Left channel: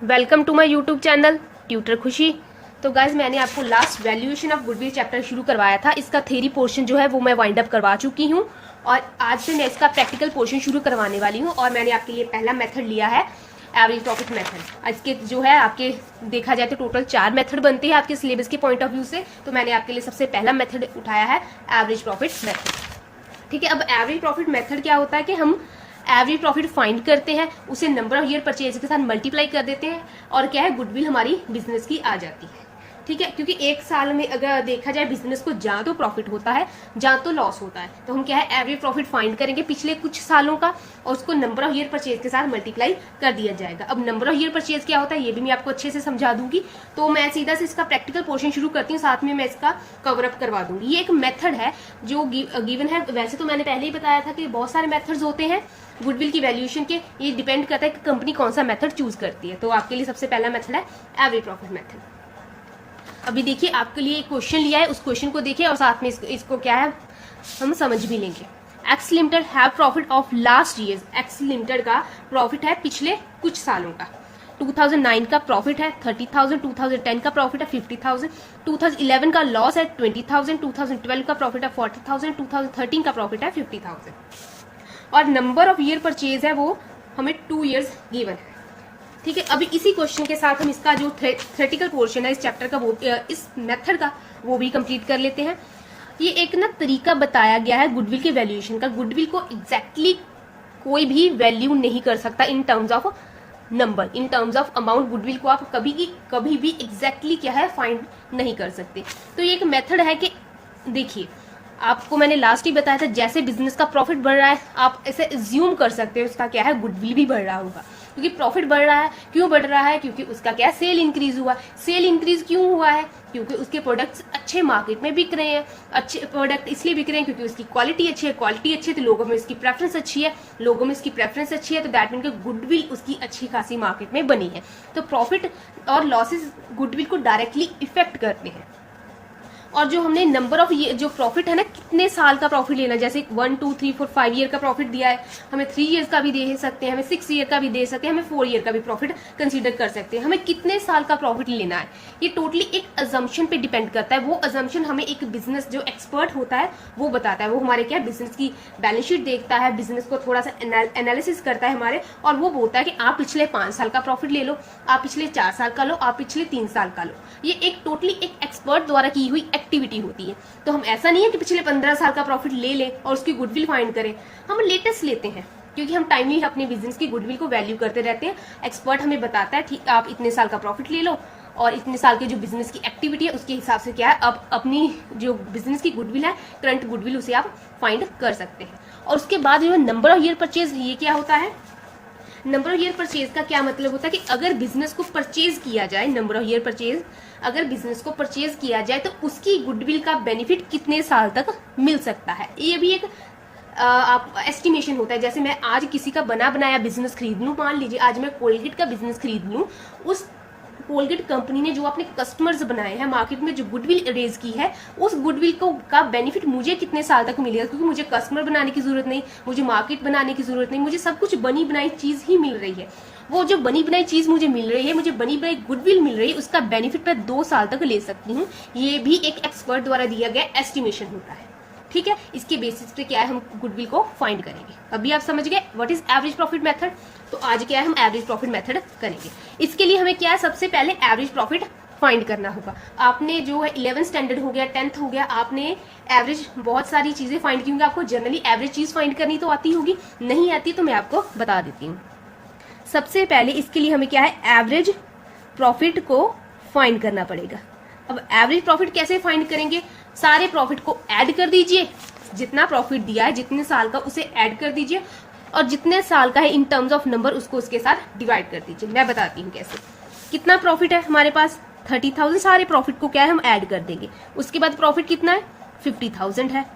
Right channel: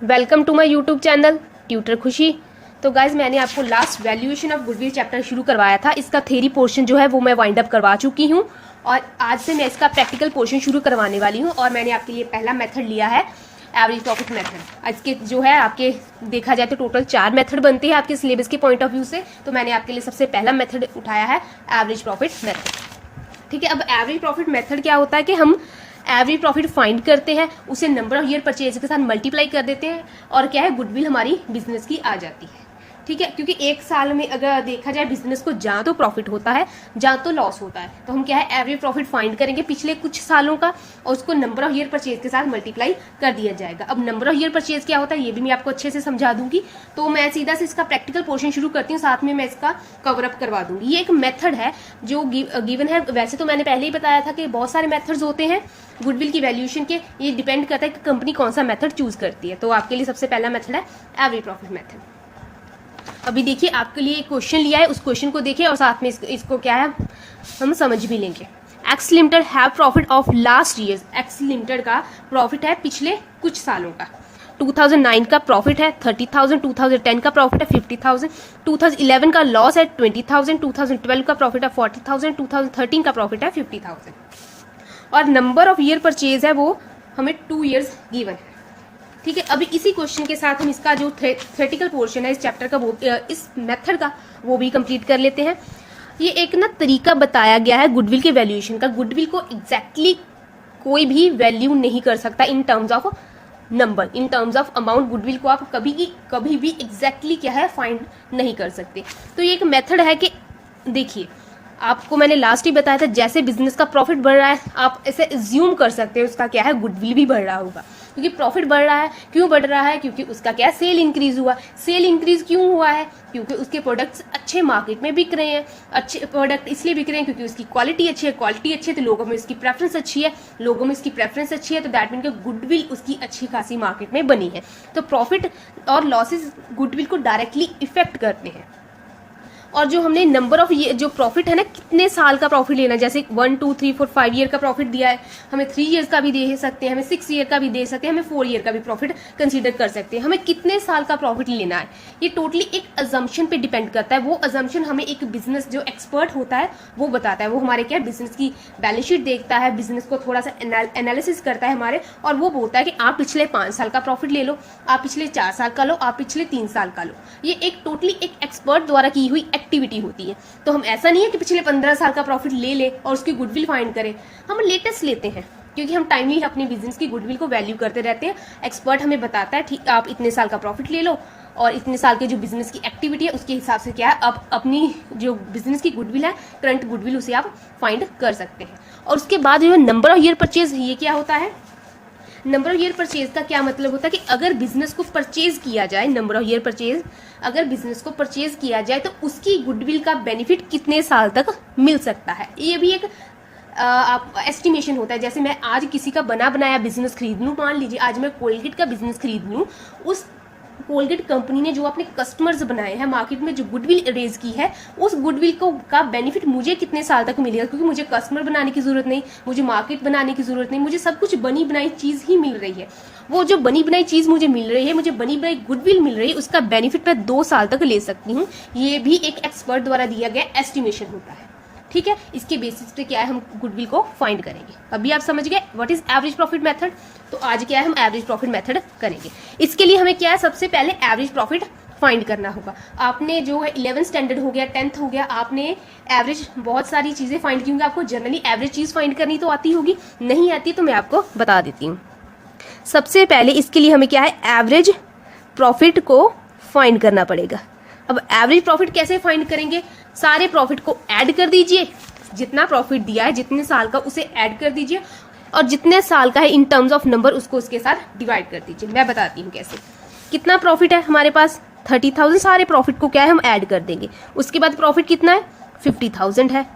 Welcome to my YouTube channel tutor Khushi. तो guys मैंने आपको last valuation of goodwill chapter शुरू करवाया था। इसका थ्योरी पोर्शन जो है वो मैं वाइंड अप करवा चुकी हूँ और आज से मैं इसका प्रैक्टिकल पोर्शन शुरू करवाने वाली हूँ। और मैंने आपके लिए पहला मेथड लिया है एवरेज प्रॉफिट मेथड। इसके जो है आपके देखा जाए तो टोटल 4 मेथड बनते हैं आपके सिलेबस के पॉइंट ऑफ व्यू से। तो मैंने आपके लिए सबसे पहला मेथड उठाया है एवरेज प्रॉफिट मेथड। ठीक है, अब एवरेज प्रॉफिट मेथड क्या होता है कि हम एवरेज प्रॉफिट फाइंड करते हैं, उसे नंबर ऑफ ईयर परचेज के साथ मल्टीप्लाई कर देते हैं और क्या है गुडविल हमारी बिजनेस की आ जाती है। ठीक है, क्योंकि एक साल में अगर देखा जाए बिजनेस को जहां तो प्रॉफिट होता है जहां तो लॉस होता है, तो हम क्या है एवरेज प्रॉफिट फाइंड करेंगे पिछले कुछ सालों का और उसको नंबर ऑफ ईयर परचेज के साथ मल्टीप्लाई कर दिया जाएगा। अब नंबर ऑफ ईयर परचेज क्या होता है ये भी मैं आपको अच्छे से समझा दूंगी। तो मैं सीधा से इसका प्रैक्टिकल पोर्शन शुरू करती हूँ, साथ में मैं इसका कवर अप करवा दूंगी। ये एक मेथड है जो गिवन है। वैसे तो मैंने पहले ही बताया था कि बहुत सारे मेथड्स होते हैं गुडविल की वैल्यूएशन के, ये डिपेंड करता है कि कंपनी कौन सा मेथड चूज करती है। तो आपके लिए सबसे पहला मेथड है एवरेज प्रॉफिट मेथड। अभी देखिए आपके लिए एक क्वेश्चन लिया है, उस क्वेश्चन को देखिए और साथ में इसको क्या है हम समझ भी लेंगे। X limited have profit of last year. X limited का प्रॉफिट है पिछले कुछ सालों का। 2009 का प्रॉफिट है 30,000, 2010 का प्रॉफिट है 50,000, 2011 का लॉस है 20,000, 2012 का प्रॉफिट है 40,000, 2013 का प्रॉफिट है 50,000 और नंबर ऑफ ईयर परचेज है वो हमें 2 ईयर्स गिवन है। ठीक है, अभी इसी क्वेश्चन के साथ हम इसका जो थ्योरेटिकल पोर्शन है इस चैप्टर का वो इस मेथड का वो भी कंप्लीट कर लेते हैं। ये एक ना तरीका बताया गया है गुडविल के वैल्यूएशन का। गुडविल को एग्जैक्टली कोई भी वैल्यू नहीं कर सकता in terms of number, in terms of amount. Goodwill को आप कभी भी एग्जैक्टली क्या है फाइंड नहीं कर सकते। तो ये एक मेथड है कि देखिए आपको मैंने लास्ट ही बताया था जैसे बिजनेस का प्रॉफिट बढ़ रहा है आप ऐसे एज्यूम कर सकते हैं उसका क्या है गुडविल भी बढ़ रहा होगा, क्योंकि प्रॉफिट बढ़ रहा है। क्यों बढ़ रहा है? क्योंकि उसका क्या सेल इंक्रीज हुआ। सेल इंक्रीज क्यों हुआ है? क्योंकि उसके प्रोडक्ट्स अच्छे मार्केट में बिक रहे हैं। अच्छे प्रोडक्ट इसलिए बिक रहे हैं क्योंकि उसकी क्वालिटी अच्छी है। क्वालिटी अच्छी है तो लोगों में इसकी प्रेफरेंस अच्छी है। लोगों में इसकी प्रेफरेंस अच्छी है तो दैट मीन गुडविल उसकी अच्छी खासी मार्केट में बनी है। तो प्रॉफिट और लॉसेस गुडविल को डायरेक्टली इफेक्ट करते हैं। और जो हमने नंबर ऑफ जो प्रॉफिट है ना, कितने साल का प्रॉफिट लेना, जैसे 1 2 3 4 5 ईयर का प्रॉफिट दिया है, हमें 3 ईयर्स का भी दे सकते हैं, हमें 6 ईयर का भी दे सकते हैं, हमें 4 ईयर का भी प्रॉफिट कंसीडर कर सकते हैं। हमें कितने साल का प्रॉफिट लेना है ये टोटली एक अजम्पशन पे डिपेंड करता है। वो अजम्पशन हमें एक बिजनेस जो एक्सपर्ट होता है वो बताता है। वो हमारे क्या बिजनेस की बैलेंस शीट देखता है, बिजनेस को थोड़ा सा एनालिसिस करता है हमारे, और वो बोलता है कि आप पिछले 5 साल का प्रॉफिट ले लो, आप पिछले 4 साल का लो, आप पिछले 3 साल का लो। ये एक टोटली एक एक्सपर्ट द्वारा की हुई एक्टिविटी होती है। तो हम ऐसा नहीं है कि पिछले 15 साल का प्रॉफिट ले ले और उसकी गुडविल फाइंड करें। हम लेटेस्ट लेते हैं क्योंकि हम टाइमली अपने बिजनेस की गुडविल को वैल्यू करते रहते हैं। एक्सपर्ट हमें बताता है ठीक आप इतने साल का प्रॉफिट ले लो और इतने साल के जो बिजनेस की एक्टिविटी है उसके हिसाब से क्या है अब अपनी जो बिजनेस की गुडविल है करंट गुडविल उसे आप फाइंड कर सकते हैं। और उसके बाद जो नंबर ऑफ ईयर परचेज, ये क्या होता है? नंबर ऑफ ईयर परचेज का क्या मतलब होता है कि अगर बिजनेस को परचेज किया जाए, नंबर ऑफ ईयर परचेज, अगर बिजनेस को परचेज किया जाए तो उसकी गुडविल का बेनिफिट कितने साल तक मिल सकता है। ये भी एक आप एस्टिमेशन होता है। जैसे मैं आज किसी का बना बनाया बिजनेस खरीद लूं, मान लीजिए आज मैं कोलगेट का बिजनेस खरीद लूं, उस कोलगेट कंपनी ने जो अपने कस्टमर्स बनाए हैं मार्केट में जो गुडविल रेज की है, उस गुडविल को का बेनिफिट मुझे कितने साल तक मिलेगा, क्योंकि मुझे कस्टमर बनाने की जरूरत नहीं, मुझे मार्केट बनाने की जरूरत नहीं, मुझे सब कुछ बनी बनाई चीज ही मिल रही है। वो जो बनी बनाई चीज मुझे मिल रही है, मुझे बनी बनाई गुडविल मिल रही है, उसका बेनिफिट मैं 2 साल तक ले सकती हूँ। ये भी एक एक्सपर्ट द्वारा दिया गया एस्टिमेशन होता है। ठीक है, इसके बेसिस पे क्या है हम गुडविल को फाइंड करेंगे। अभी आप समझ गए what is average profit method. तो आज क्या है हम एवरेज प्रॉफिट मेथड करेंगे। इसके लिए हमें क्या है सबसे पहले एवरेज प्रॉफिट फाइंड करना होगा। आपने जो है 11th स्टैंडर्ड हो गया, 10th हो गया, आपने एवरेज बहुत सारी चीजें फाइंड की होंगी। आपको जनरली एवरेज चीज फाइंड करनी तो आती होगी, नहीं आती तो मैं आपको बता देती हूँ। सबसे पहले इसके लिए हमें क्या है एवरेज प्रॉफिट को फाइंड करना पड़ेगा। अब एवरेज प्रॉफिट कैसे फाइंड करेंगे? सारे प्रॉफिट को ऐड कर दीजिए, जितना प्रॉफिट दिया है जितने साल का उसे ऐड कर दीजिए और जितने साल का है इन टर्म्स ऑफ नंबर उसको उसके साथ डिवाइड कर दीजिए। मैं बताती हूँ कैसे। कितना प्रॉफिट है हमारे पास 30,000, सारे प्रॉफिट को क्या है हम ऐड कर देंगे। उसके बाद प्रॉफिट कितना है 50,000 है।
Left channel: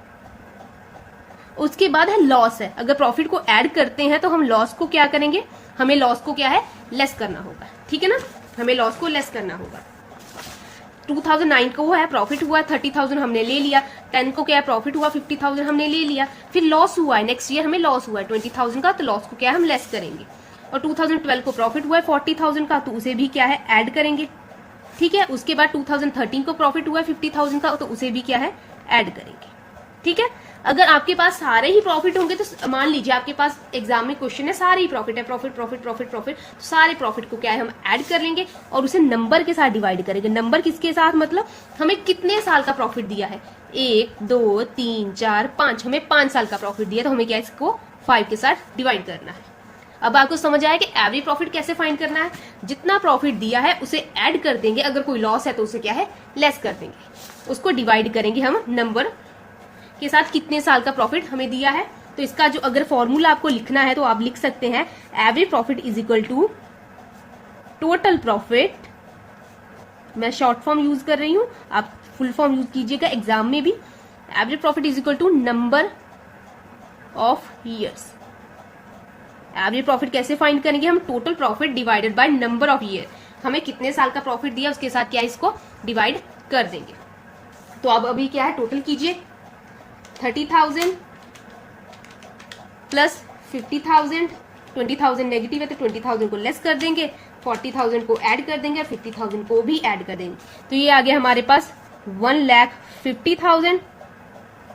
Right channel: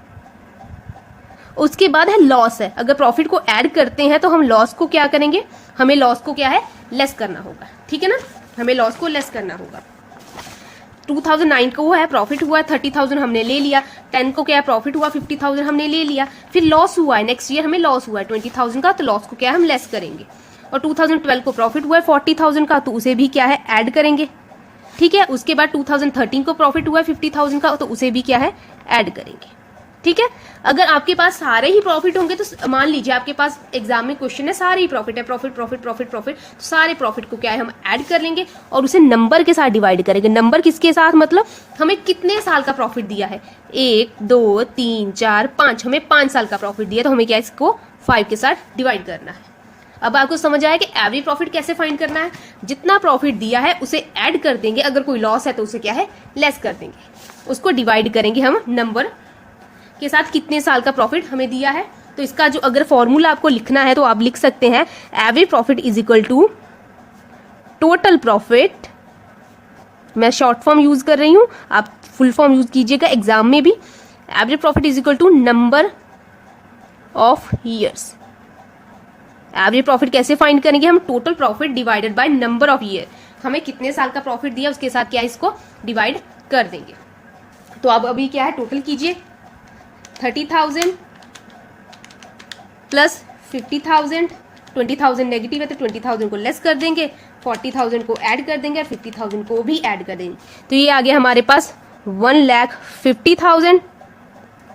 उसके बाद है लॉस है। अगर प्रॉफिट को ऐड करते हैं तो हम लॉस को क्या करेंगे, हमें लॉस को क्या है लेस करना होगा। ठीक है ना, हमें लॉस को लेस करना होगा। 2009 को वो है प्रॉफिट हुआ 30,000 हमने ले लिया, 10 को क्या है प्रॉफिट हुआ 50,000 हमने ले लिया, फिर लॉस हुआ है नेक्स्ट ईयर हमें लॉस हुआ है 20,000 का, तो लॉस को क्या है हम लेस करेंगे। और 2012 को प्रॉफिट हुआ है 40,000 का, तो उसे भी क्या है ऐड करेंगे। ठीक है, उसके बाद 2013 को प्रॉफिट हुआ है 50,000 का, तो उसे भी क्या है ऐड करेंगे। ठीक है, अगर आपके पास सारे ही प्रॉफिट होंगे तो मान लीजिए आपके पास एग्जाम में क्वेश्चन है सारे ही प्रॉफिट है, प्रॉफिट प्रॉफिट प्रॉफिट प्रॉफिट, तो सारे प्रॉफिट को क्या है हम ऐड कर लेंगे और उसे नंबर के साथ डिवाइड करेंगे। नंबर किसके साथ, मतलब हमें कितने साल का प्रॉफिट दिया है, 1 2 3 4 5, हमें 5 साल का प्रॉफिट दिया, तो हमें क्या इसको 5 के साथ डिवाइड करना है। अब आपको समझ आया कि एवरेज प्रॉफिट कैसे फाइंड करना है। जितना प्रॉफिट दिया है उसे ऐड कर देंगे, अगर कोई लॉस है तो उसे क्या है लेस कर देंगे, उसको डिवाइड करेंगे हम नंबर के साथ, कितने साल का प्रॉफिट हमें दिया है। तो इसका जो अगर फॉर्मूला आपको लिखना है तो आप लिख सकते हैं average profit is equal to total profit, मैं शॉर्ट फॉर्म यूज कर रही हूं, आप फुल फॉर्म यूज कीजिएगा एग्जाम में भी। Average profit is equal to number of years. Average profit कैसे फाइंड करेंगे हम, total profit divided by number of year, हमें कितने साल का प्रॉफिट दिया उसके साथ क्या इसको डिवाइड कर देंगे। तो अब अभी क्या है टोटल कीजिए, 30,000 प्लस 50,000, 20,000 नेगेटिव है तो 20,000 को लेस कर देंगे, 40,000 को ऐड कर देंगे और 50,000 को भी ऐड कर देंगे। तो ये आ गया हमारे पास 1,50,000।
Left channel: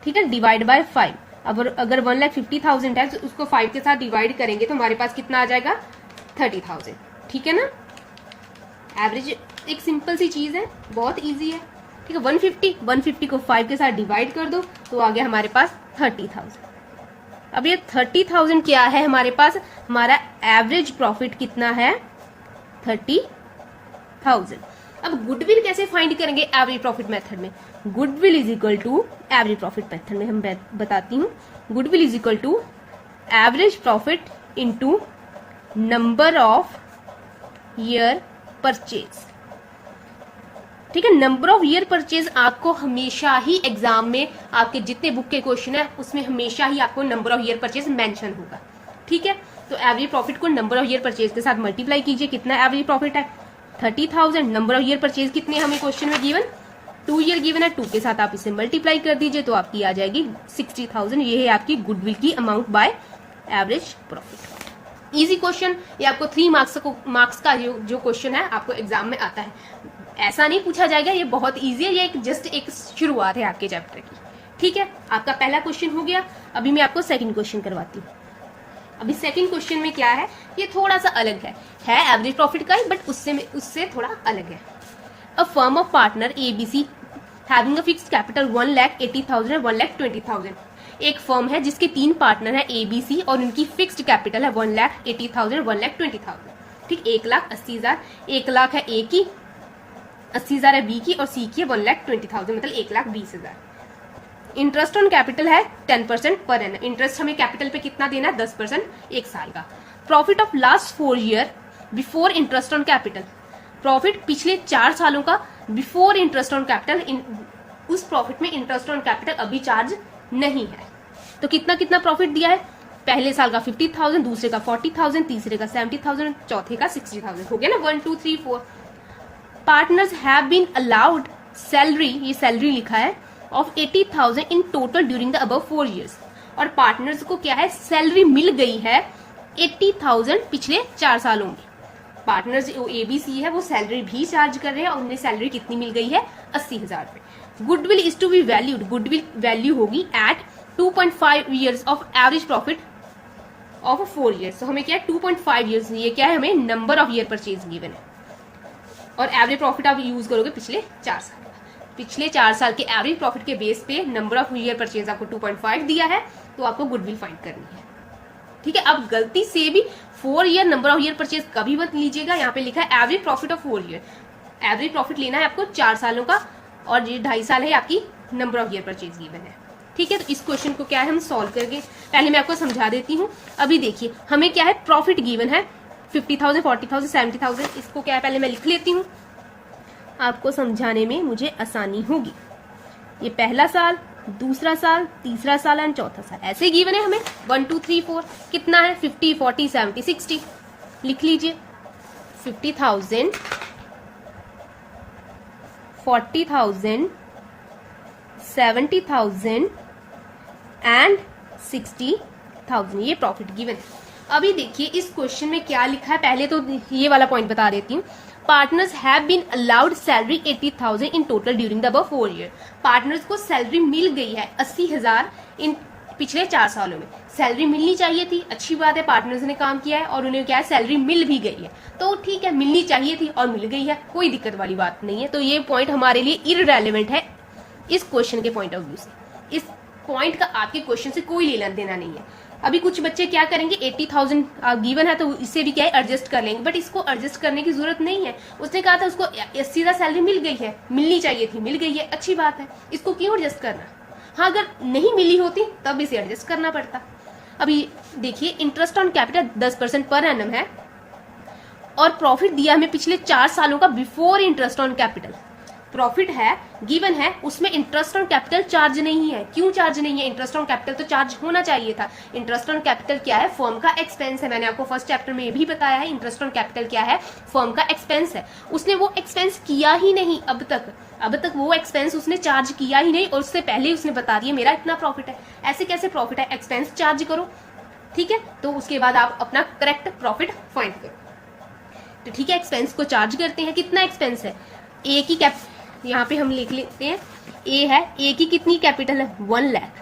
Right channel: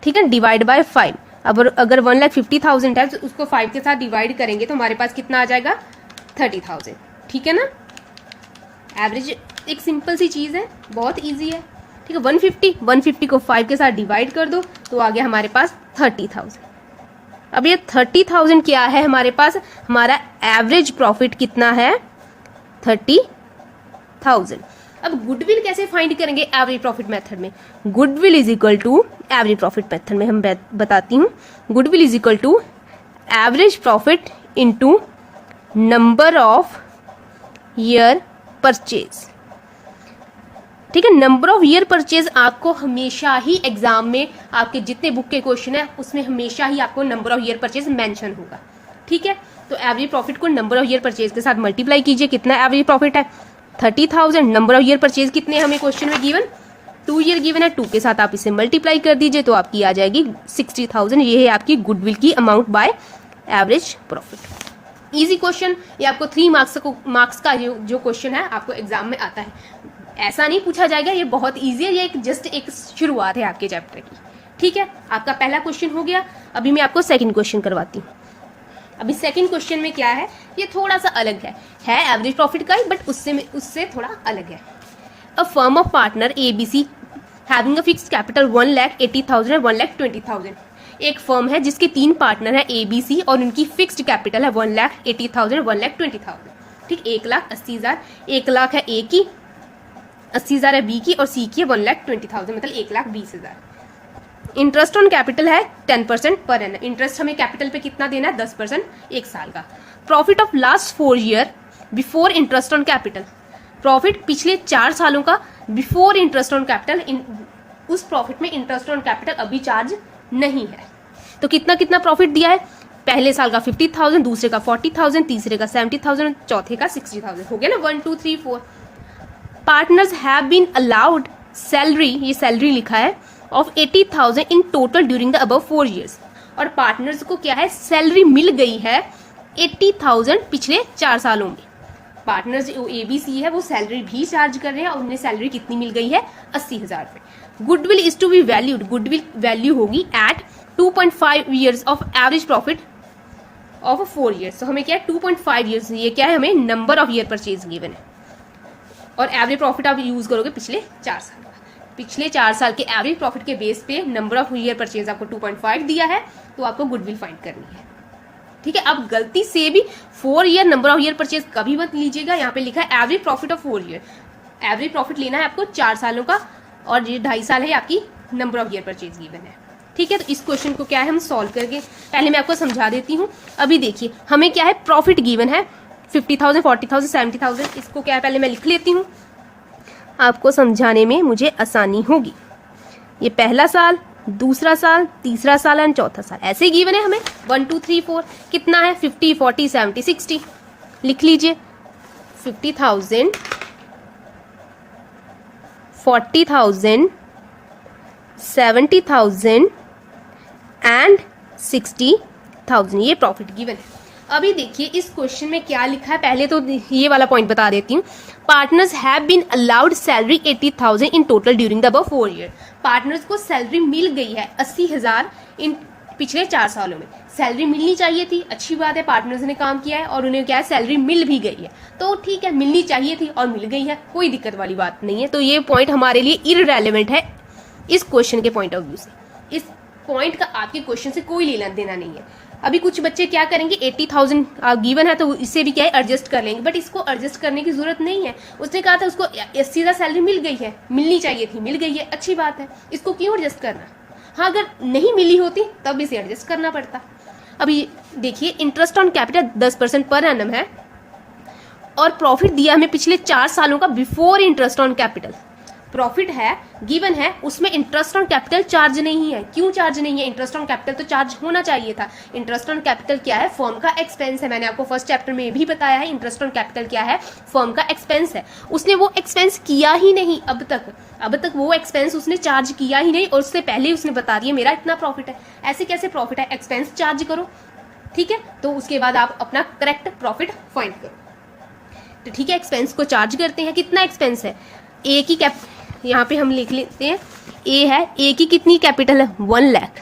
ठीक है, डिवाइड बाय 5। अब अगर 1,50,000 है तो उसको 5 के साथ डिवाइड करेंगे तो हमारे पास कितना आ जाएगा 30,000। ठीक है ना, एवरेज एक सिंपल सी चीज है, बहुत इजी है। ठीक है, 150 को 5 के साथ डिवाइड कर दो तो आ गया हमारे पास 30,000। अब ये 30,000 क्या है हमारे पास, हमारा एवरेज प्रॉफिट कितना है 30,000। अब गुडविल कैसे फाइंड करेंगे एवरेज प्रॉफिट मेथड में, goodwill is equal to average profit method में हम बताती हूँ, goodwill is equal to average profit into number of year purchase. ठीक है, नंबर ऑफ ईयर परचेज आपको हमेशा ही एग्जाम में आपके जितने बुक के क्वेश्चन है उसमें हमेशा ही आपको number of year purchase mention होगा। ठीक है, तो एवरेज प्रॉफिट को नंबर ऑफ ईयर परचेज के साथ मल्टीप्लाई कीजिए, कितना एवरेज प्रॉफिट है 30,000, नंबर ऑफ ईयर परचेज कितने हमें क्वेश्चन में गिवन 2 ईयर गिवन है, 2 के साथ आप इसे मल्टीप्लाई कर दीजिए तो आपकी आ जाएगी 60,000। ये है आपकी गुडविल की amount by average profit. Easy question, ये आपको 3 मार्क्स का जो क्वेश्चन है आपको एग्जाम में आता है, ऐसा नहीं पूछा जाएगा, ये बहुत इजी है, ये जस्ट एक शुरुआत है आपके चैप्टर की। ठीक है, आपका पहला क्वेश्चन हो गया। अभी मैं आपको सेकंड क्वेश्चन करवाती हूँ। अभी सेकंड क्वेश्चन में क्या है, ये थोड़ा सा अलग है एवरेज प्रॉफिट का ही, बट उससे थोड़ा अलग है। A firm of partner ABC having a fixed capital 1,80,000 और 1,20,000। एक फर्म है जिसके 3 पार्टनर है ABC और उनकी फिक्स्ड कैपिटल है 1,80,000 1,20,000। ठीक, 1,80,000, 1 लाख है A की, 80,000 है B की और C की 1,20,000, मतलब 1,20,000। इंटरेस्ट ऑन कैपिटल है 10% पर एनम। इंटरेस्ट हमें कैपिटल पे कितना देना है 10% 1 साल का। Profit of last 4 year before interest on capital, profit पिछले 4 सालों का बिफोर इंटरेस्ट ऑन कैपिटल, उस प्रॉफिट में इंटरेस्ट ऑन कैपिटल अभी चार्ज नहीं है। तो कितना कितना प्रॉफिट दिया है, पहले साल का 50,000, दूसरे का 40,000, तीसरे का 70,000, चौथे का 60,000। हो गया ना 1 2 3 4। Partners have been allowed salary, ये सैलरी लिखा है, of 80,000 in total during the above 4 years. और पार्टनर्स को क्या है सैलरी मिल गई है 80,000 पिछले 4 सालों में। पार्टनर्स जो ABC है वो सैलरी भी चार्ज कर रहे हैं और उन्हें सैलरी कितनी मिल गई है 80,000 रुपए। Goodwill is to be valued, goodwill value होगी at 2.5 years of average profit of 4 years. तो हमें क्या है 2.5 ईयर्स, ये क्या है हमें number of year purchase given है। और एवरेज प्रॉफिट आप यूज करोगे पिछले 4 साल, पिछले 4 साल के एवरेज प्रॉफिट के बेस पे नंबर ऑफ ईयर परचेज आपको 2.5 दिया है, तो आपको गुडविल फाइंड करनी है। ठीक है, अब गलती से भी 4 year number of year purchase कभी मत लीजिएगा, यहाँ पे लिखा है average profit of 4 year. Average profit लेना है आपको 4 सालों का और ये 2.5 साल है आपकी number of year purchase given है। ठीक है, तो इस क्वेश्चन को क्या है हम सॉल्व करके पहले मैं आपको समझा देती हूँ। अभी देखिए हमें क्या है प्रॉफिट गिवन है 50,000, 40,000, 70,000। इसको क्या है पहले मैं लिख लेती हूँ, आपको समझाने में मुझे आसानी होगी। ये पहला साल, दूसरा साल, तीसरा साल एंड चौथा साल ऐसे ही गिवन है हमें 1 2 3 4। कितना है 50 40 70 60। लिख लीजिए 50,000, 40,000, 70,000 एंड 60,000 ये प्रॉफिट गिवन है। अभी देखिए इस क्वेश्चन में क्या लिखा है, पहले तो ये वाला पॉइंट बता देती हूँ। Partners have been allowed salary 80,000 in total during the above 4 year. Partners को सैलरी मिल गई है 80,000 इन पिछले 4 सालों में। सैलरी मिलनी चाहिए थी, अच्छी बात है, पार्टनर्स ने काम किया है और उन्हें क्या है, सैलरी मिल भी गई है, तो ठीक है, मिलनी चाहिए थी और मिल गई है, कोई दिक्कत वाली बात नहीं है। तो ये पॉइंट हमारे लिए इररेलेवेंट है इस क्वेश्चन के पॉइंट ऑफ व्यू से। इस पॉइंट का आपके क्वेश्चन से कोई लेना देना नहीं है। अभी कुछ बच्चे क्या करेंगे, 80,000 गिवन है तो इससे भी क्या है एडजस्ट कर लेंगे, बट इसको एडजस्ट करने की जरूरत नहीं है। उसने कहा था उसको 80,000 सैलरी मिल गई है, मिलनी चाहिए थी, मिल गई है, अच्छी बात है, इसको क्यों एडजस्ट करना। हाँ, अगर नहीं मिली होती तब इसे एडजस्ट करना पड़ता। अभी देखिए interest on capital 10% per annum है और प्रॉफिट दिया हमें पिछले 4 सालों का before interest on capital. Profit है, गिवन है, उसमें इंटरेस्ट ऑन कैपिटल चार्ज नहीं है। क्यों चार्ज नहीं है? इंटरेस्ट ऑन कैपिटल तो चार्ज होना चाहिए था। इंटरेस्ट ऑन कैपिटल क्या है? फर्म का एक्सपेंस है। मैंने आपको फर्स्ट चैप्टर में ये भी बताया है, इंटरेस्ट ऑन कैपिटल क्या है? फर्म का एक्सपेंस है। उसने वो एक्सपेंस किया ही नहीं अब तक वो एक्सपेंस उसने चार्ज किया ही नहीं, और उससे पहले उसने बता दिया मेरा इतना प्रॉफिट है। ऐसे कैसे प्रॉफिट है? एक्सपेंस चार्ज करो, ठीक है, तो उसके बाद आप अपना करेक्ट प्रॉफिट फाइंड करो। तो ठीक है, एक्सपेंस को चार्ज करते हैं। कितना एक्सपेंस है? ए की यहाँ पे हम लिख लेते हैं, ए है, ए की कितनी कैपिटल है? 1 लाख।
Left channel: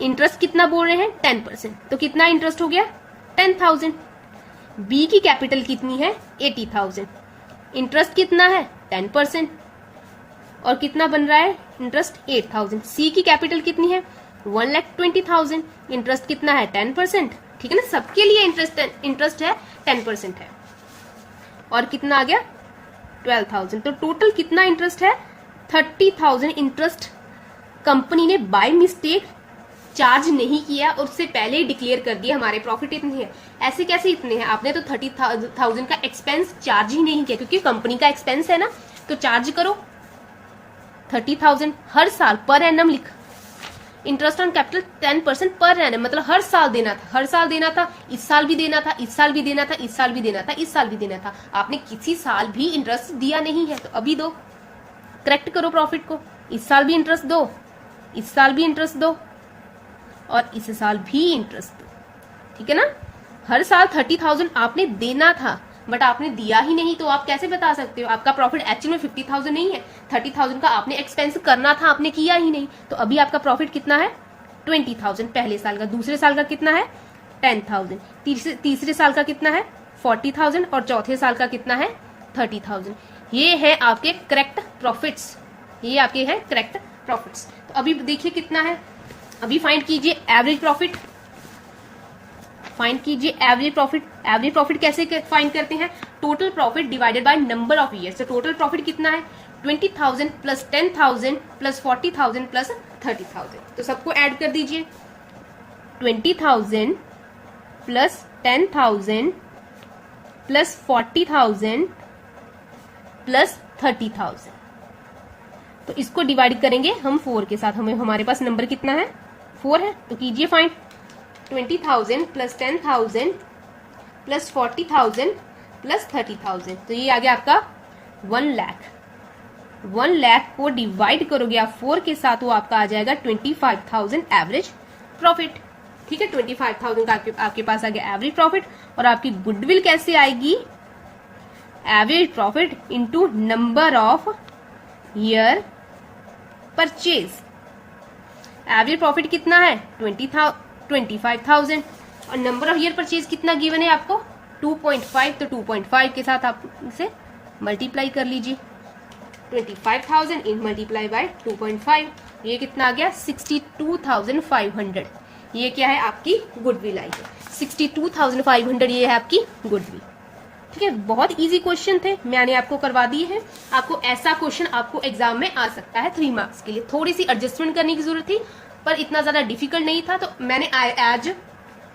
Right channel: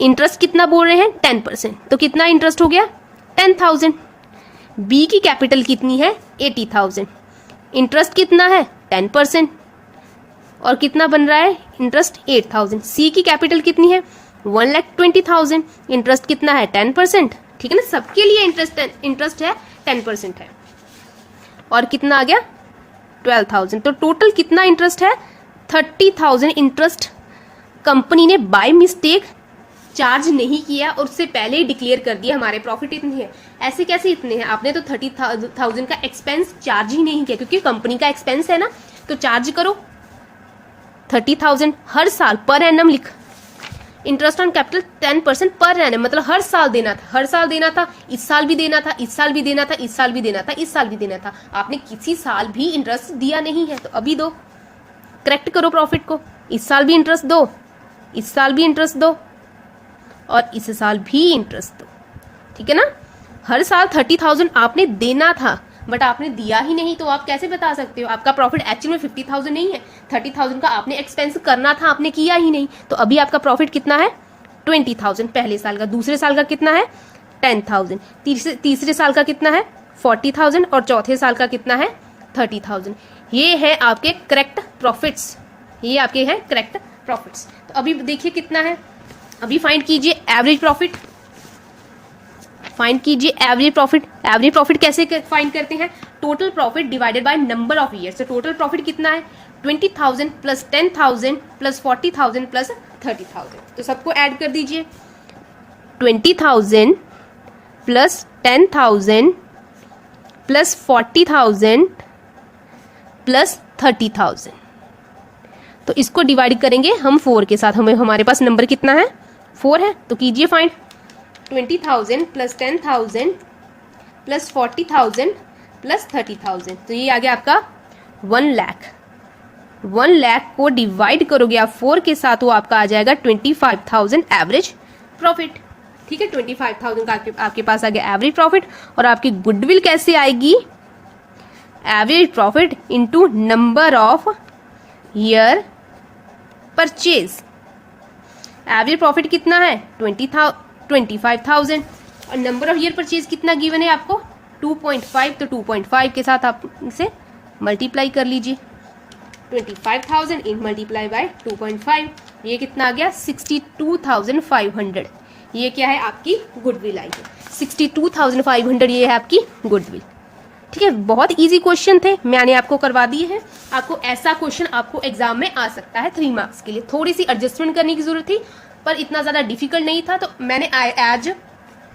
इंटरेस्ट कितना बोल रहे हैं? 10%, तो कितना इंटरेस्ट हो गया? 10,000। बी की कैपिटल कितनी है? 80,000। इंटरेस्ट कितना है? 10%, और कितना बन रहा है इंटरेस्ट? 8,000। सी की कैपिटल कितनी है? 1,20,000। इंटरेस्ट कितना है? 10%, ठीक है ना, सबके लिए इंटरेस्ट है 10% है, और कितना आ गया? 12,000। तो टोटल कितना इंटरेस्ट है? 30,000 इंटरेस्ट कंपनी ने बाय मिस्टेक चार्ज नहीं किया और उससे पहले ही डिक्लेयर कर दिया हमारे प्रॉफिट इतनी है। ऐसे कैसे इतने हैं? आपने तो 30,000 का एक्सपेंस चार्ज ही नहीं किया, क्योंकि कंपनी का एक्सपेंस है ना, तो चार्ज करो 30,000 हर साल पर एनम लिख। Interest on capital 10% per annum, मतलब हर साल देना था, हर साल देना था, इस साल भी देना था, इस साल भी देना था, इस साल भी देना था, इस साल भी देना था। आपने किसी साल भी इंटरेस्ट दिया नहीं है, तो अभी दो, करेक्ट करो प्रॉफिट को। इस साल भी इंटरेस्ट दो, इस साल भी इंटरेस्ट दो, और इस साल भी इंटरेस्ट दो, ठीक है ना। हर साल 30,000 आपने देना था, बट आपने दिया ही नहीं, तो आप कैसे बता सकते हो? आपका प्रॉफिट एक्चुअल में 50,000 नहीं है, 30,000 का आपने एक्सपेंस करना था, आपने किया ही नहीं, तो अभी आपका प्रॉफिट कितना है? 20,000 पहले साल का। दूसरे साल का कितना है? 10,000। तीसरे साल का कितना है? 40,000, और चौथे साल का कितना है? 30,000। ये है आपके करेक्ट प्रॉफिट्स, ये आपके हैं करेक्ट प्रॉफिट्स। तो अभी देखिए कितना है, अभी फाइंड कीजिए एवरेज प्रॉफिट, फाइंड कीजिए एवरेज प्रॉफिट। एवरेज प्रॉफिट कैसे फाइंड करते हैं? Total profit divided by number of years. तो टोटल प्रॉफिट कितना है? 20,000 प्लस 10,000 प्लस 40,000 प्लस 30,000। तो सबको ऐड कर दीजिए, 20,000 प्लस 10,000 प्लस 40,000 प्लस 30,000। तो इसको डिवाइड करेंगे हम 4 के साथ, हमारे पास नंबर कितना है? 4 है। तो कीजिए फाइंड, 20,000 प्लस 10,000 प्लस 40,000 प्लस 30,000। तो ये आ गया आपका 1 लाख। 1 लाख को डिवाइड करोगे आप 4 के साथ, वो आपका आ जाएगा 25,000 एवरेज प्रॉफिट, ठीक है। 25,000 का आपके पास आ गया एवरेज प्रॉफिट। और आपकी गुडविल कैसे आएगी? Average profit into number of year purchase. Average profit कितना है? 25,000, और नंबर ऑफ ईयर परचेज कितना गिवन है आपको? 2.5। तो 2.5 के साथ आप इसे मल्टीप्लाई कर लीजिए, 25,000 इन मल्टीप्लाई बाय 2.5, ये कितना आ गया? 62,500। ये क्या है? आपकी गुडविल आई है, 62,500 ये है आपकी गुडविल, ठीक है। बहुत इजी क्वेश्चन थे, मैंने आपको करवा दिए हैं। आपको ऐसा क्वेश्चन आपको एग्जाम में आ सकता है 3 मार्क्स के लिए। थोड़ी सी एडजस्टमेंट करने की जरूरत थी, पर इतना ज्यादा डिफिकल्ट नहीं था, तो मैंने आज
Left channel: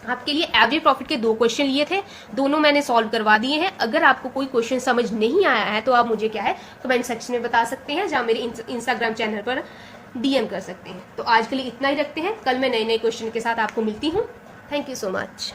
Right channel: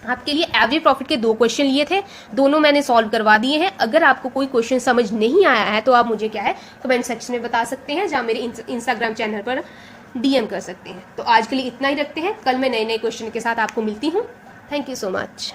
आपके लिए एवरेज प्रॉफिट के 2 क्वेश्चन लिए थे, दोनों मैंने सॉल्व करवा दिए हैं। अगर आपको कोई क्वेश्चन समझ नहीं आया है तो आप मुझे क्या है कमेंट सेक्शन में बता सकते हैं, या मेरे इंस्टाग्राम चैनल पर DM कर सकते हैं। तो आज के लिए इतना ही रखते हैं, कल मैं नए क्वेश्चन के साथ आपको मिलती हूँ। Thank you so much.